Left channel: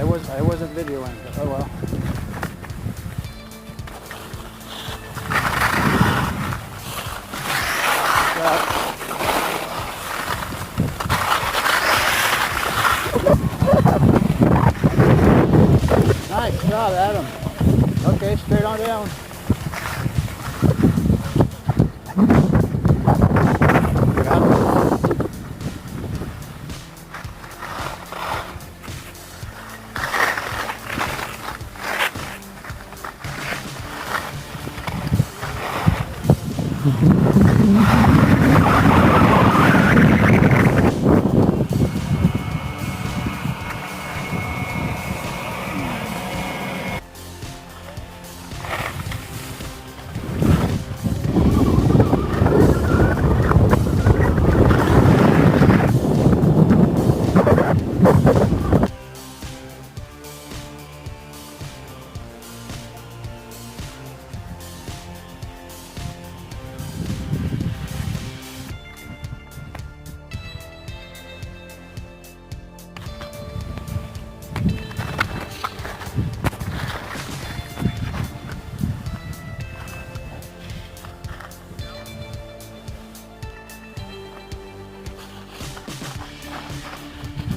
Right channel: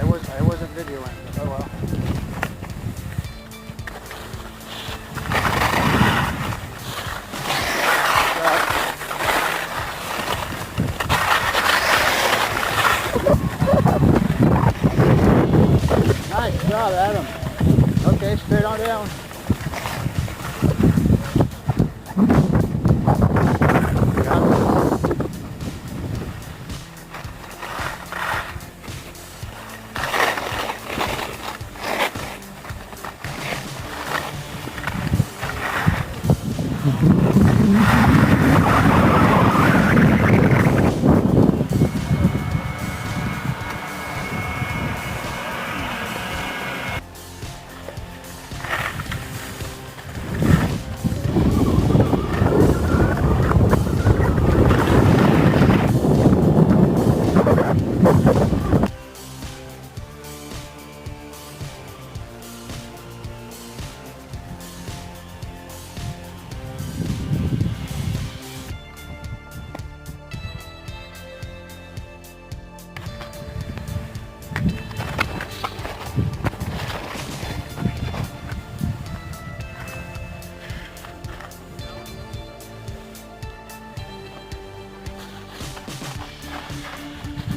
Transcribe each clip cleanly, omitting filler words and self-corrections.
I wasn't videoing, but oh well. Nice job, Adam. Okay, straight on down. Got it.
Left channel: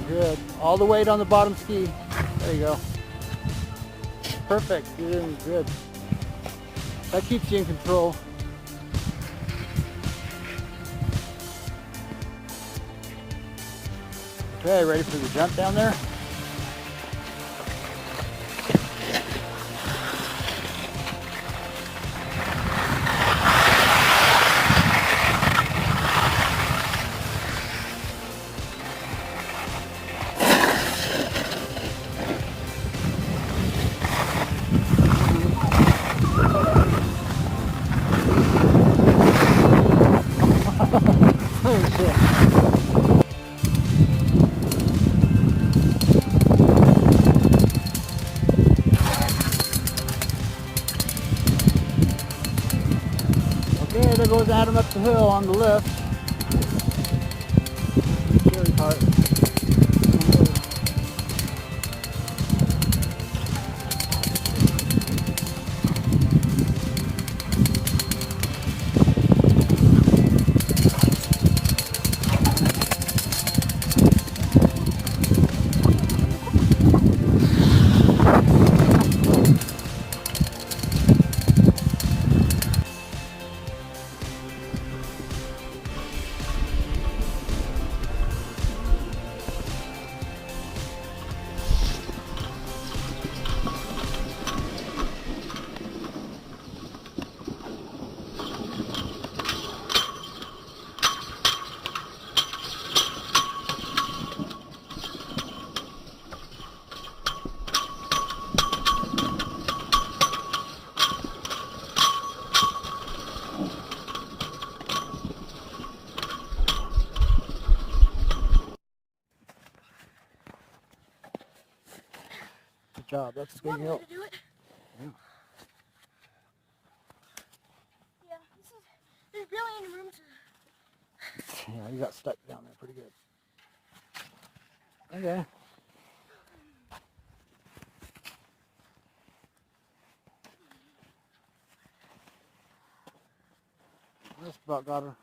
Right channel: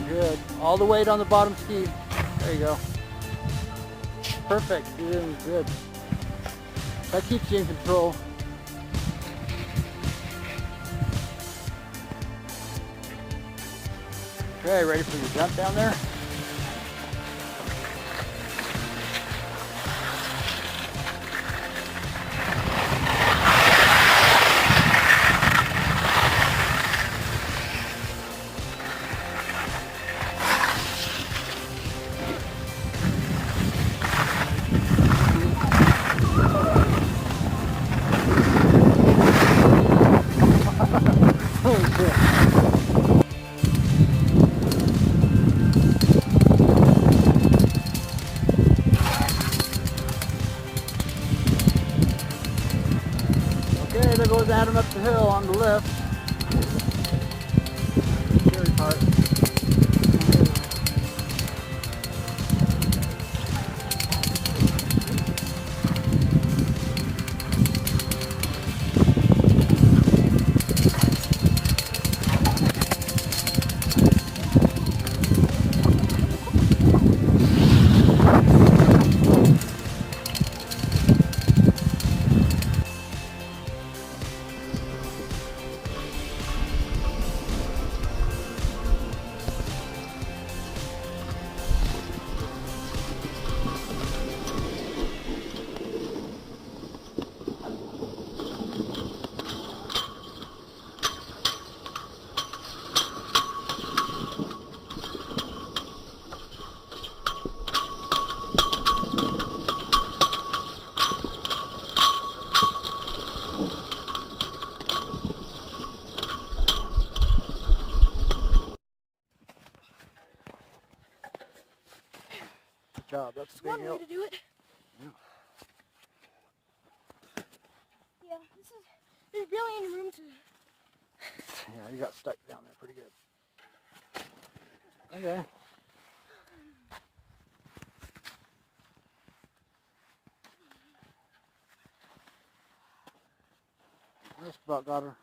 Good. All the weight on the bottom ski. There you go. Perfect. You're doing good. That keeps you in control. Okay, ready for the jump down there? Holy shit. Okay, there goes Adam up the hill on the left. Scary part. Good job. That's a good hill. To do it. Yeah. Yeah, there's really any room to. Yeah, you got stuck down there pretty good. Okay. Just about got her.